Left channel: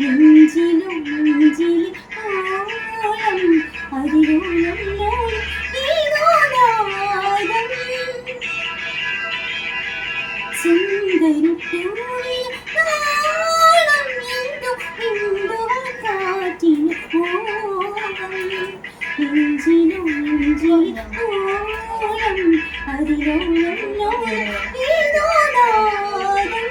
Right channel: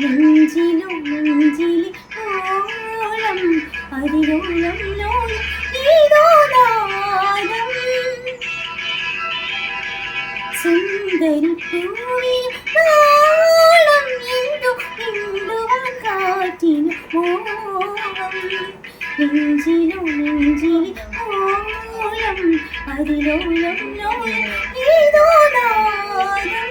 നെഞ്ചിലും നെഞ്ചിലെ ഓളം അതിലോളം ലോളം ഏതോ നാദം സുന്ദരി പൂവിനോളം എന്തു മിണ്ടുവാൻ കാറ്റിനു മോഹം നെഞ്ചിലും നെഞ്ചിലെ ഓളം അതിലോളം ലോളം ഏതോ നാദം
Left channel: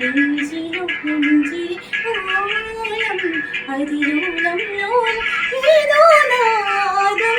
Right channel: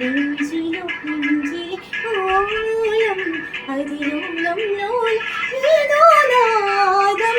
നെഞ്ചിലോ നെഞ്ചിലെ ഓളം അതിലോളം ലോളം ഏതോ നാദം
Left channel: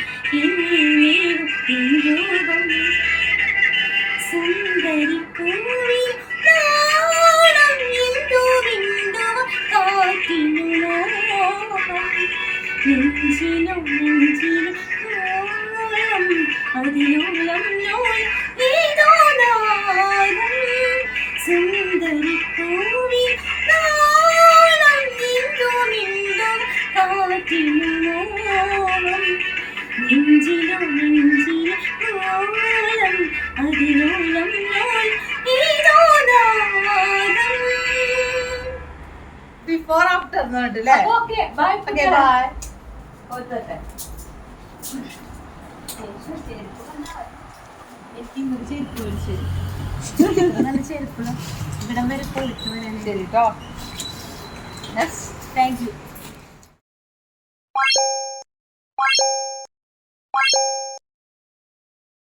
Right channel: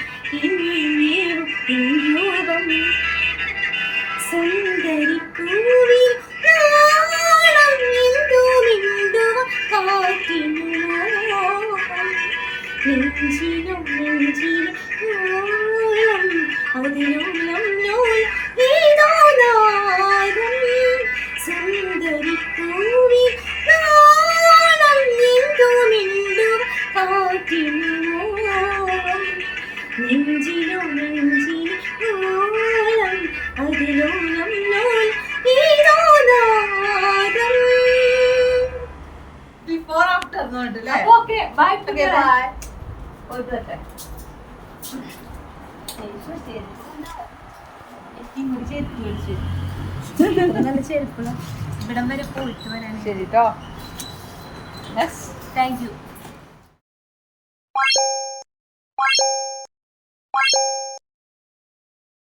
ഇനിയും രൂപം സുന്ദരി കൂവി നാണം എന്തു മിണ്ടുവ കാറ്റിനു മോഹം നെഞ്ചിലോ നെഞ്ചിലെ ഓളം അതിലോളം ലോളം ഏതോ നാദം സുന്ദരി പൂവി നാളം എന്തു മിണ്ടുവ കാറ്റിനു ഓക്കെ ബൈ ഓക്കെ ഇവിടം വരെ പോയിട്ട് വരാൻ. ശരി കേട്ടോ താങ്ക് യു